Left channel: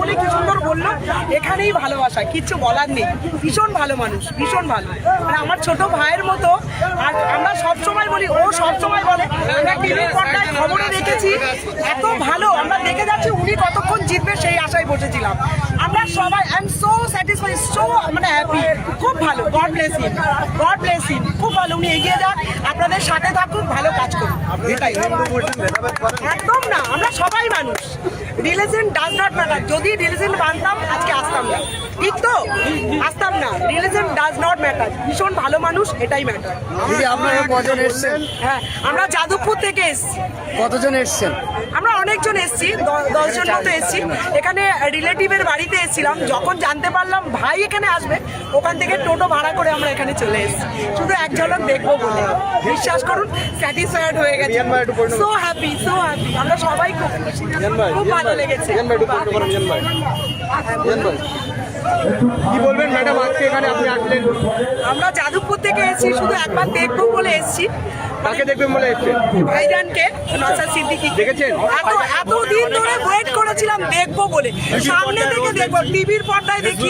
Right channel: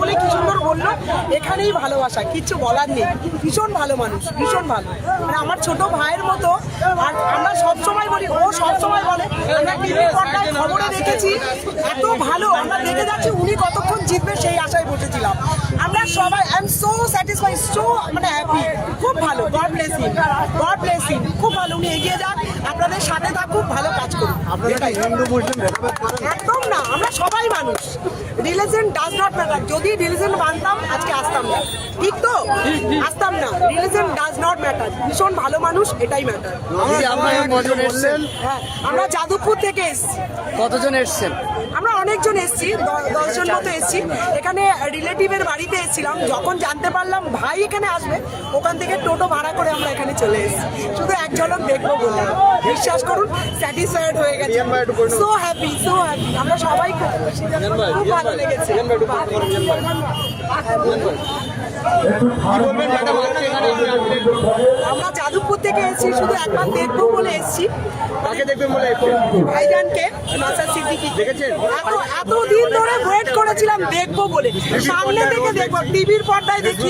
বলে কি সুন্দর বললো, এখানেই ভালোবাসা, কিচ্ছু বলার নেই। ভীষণ ভালো মানুষ, ভীষণ ভালো, মানে আমার ছোট ভাইয়ের মতো। আর আমরা সবসময় বলি, ও সবসময় বলে, আমরা টিভির পর্দায় খবরে দেখেছি এত ভালো, আমরা দেখে যাচ্ছি উনি কতক্ষণ জিতবে সেই আশায় বসেছিলাম আমরা সবাই। I am so satisfied, so মানে হ্যাপি, খুব ভালো। God bless him, god bless him, খুব ভালো। উনি এগিয়ে যান, আপনাদের সাথে থাকুক, ভালো কাজ করুন। একদম না, আমরা সবাই মানুষ, রিলিজন ডাজ নট ম্যাটার। যদি রিলিজন মানতাম আজকে আসতাম না, ঠিক তো? আসতাম না, রিলিজন ডাজ নট ম্যাটার। ভীষণ ভালো মানুষ, এটাই ম্যাটার। হ্যাঁ, আমরা যাদবপুর থেকে এসেছি। কতজন এসছেন? আমরা অনেকজন এসেছি, 10 জন মতো এসেছি। এখানে রিলেটিভের বাড়িতে এসেছিলাম, যখন জানতে পারলাম ভাই এখানে আসবে, ওখান থেকে টোটো ভাড়া করে আমরা এখানে চলে এসেছি শুধু এক ঝলক দেখবো বলে। বিশ্বাস করুন, স্যাটিসফাইড হয়ে গেছি, সো হ্যাপি, সো হ্যাপি। আমরা সবাই খুব খুশি, খুব ভালো লেগেছে। হ্যাঁ, বলুন। আমরা যাদবপুর থেকে এসেছি, শুধু একবার দেখবো বলে এসেছি। ভাইজানকে, নওশাদ সিদ্দিকী। এতদিন ধরে ওয়েট করেছিলাম দেখবো বলে, সামনে থেকে দেখবো, টিভির পর্দায় দেখি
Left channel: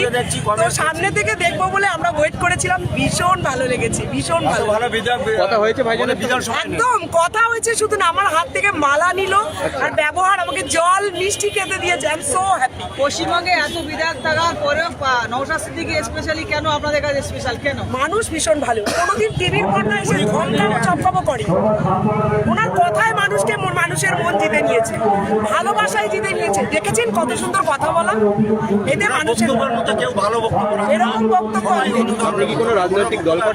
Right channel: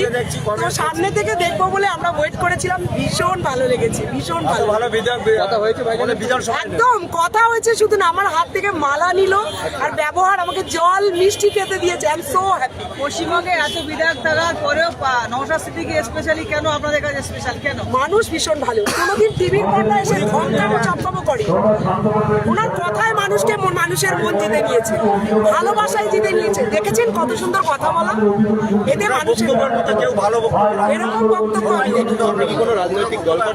তো সামনে থেকে দেখবো বলে আমরা ওয়েট করেছিলাম। ভীষণ ভালো লেগেছে, ভীষণ ভালো। একদম কথা হয়েছে, শুধু না, আমার হাত থেকে মালা নিল আর ব্যবহার, আমাকে জল মিষ্টি খেতে দিয়েছে। I am so happy. পশ্চিমবঙ্গে এত বিধায়ক থাকার পরেও নওশাদ সিদ্দিকী স্পেশালি কেন আপনাদের কাছে স্পেশাল কেন? মানুষ ভীষণ ভালো, কোনোদিন টিভির পর্দায় এসে ধমকানো চমকামো করে, ওনার কথায় মানুষকে, মানুষের মন জিতে নিয়েছে, ভালোবাসায় জিতে নিয়েছে। দেখেছেন কত সুন্দর কথা বলা, এতে মানুষের এরকম বক্তব্য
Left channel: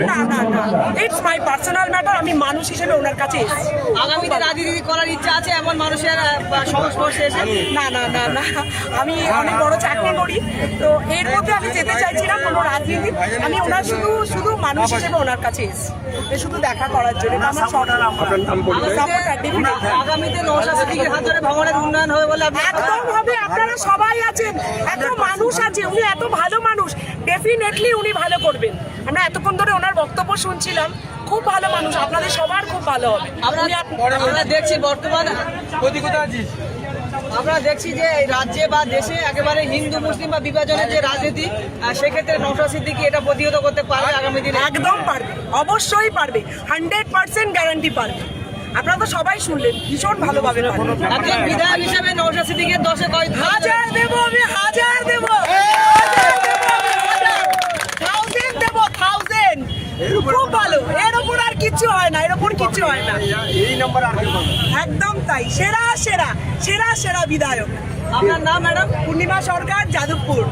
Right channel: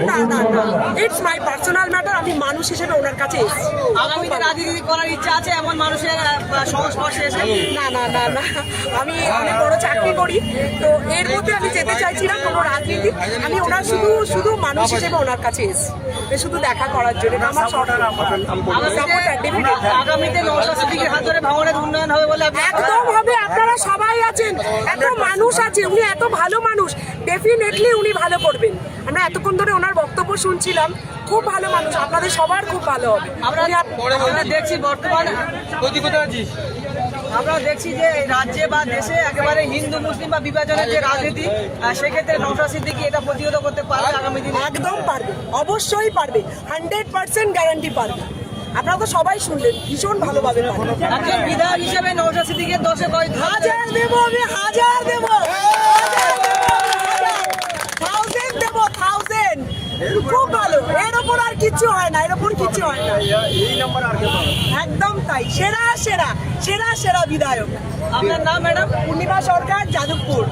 না না না, ইটস মাই পার্সোনাল ম্যাটার। আমি মানুষ হিসেবে ওনার কাছে এসেছি। আগামীতে রাজনীতি করার ইচ্ছা আছে এমন মানুষের সংস্পর্শে এসে? না না না না, আমি অনেক বড় চাকরি করি, তো এর মধ্যে আমি যেতে চাইছি না কোনো রাজনীতি। আমি ওনার শুধু মানুষ হিসেবে ওনার কাছে এসেছি, শুধু দেখা করার জন্য। আমার আগামীতে নওশাদ সিদ্দিকীর হাত ধরে ভাঙড়ের উন্নয়ন হবে বলে একদম হবে। আপনারা সবাই আছেন, এত মানুষ আছে, উনি এত ভালো মানুষ, ডেফিনেটলি উনি ভালো করবেন। আমরা এতক্ষণ ধরে ওনার বক্তব্য শুনছিলাম, খুব ভালো মানুষ, আপনাদের সবার খুব ভালো হবে। আমরা দেখছি বর্তমানে আমরা দেখছি যে রাজ্যে বা দেশে একেবারে হিন্দু মুসলিম বা বিভাজনের যে রাজনীতি, সেক্ষেত্রে নওশাদ সিদ্দিকী এটা প্রতিহত করতে পারবে আগামী দিনে? একদম পারবে, অবশ্যই পারবে, 100% গ্যারান্টি পারবে। আপনারা তো সবাই শুনলেন, ভীষণ ভালোভাবে পারবে। একজন বিধায়ক হিসেবে নওশাদ সিদ্দিকীর 10-এ কয়? 1000 দেবো আমি, 1000 দেবো, 1000 দেবো, 1000। খুব ভালো, এর ওপর আর কিচ্ছু হয় না, এর ওপর কিচ্ছু হয় না। একদম তাই, সেরা সেরা সেরা সেরা বিধায়ক। আপনার নাম ম্যাডাম? পূর্ণিমা সরকার, যাদবপুর।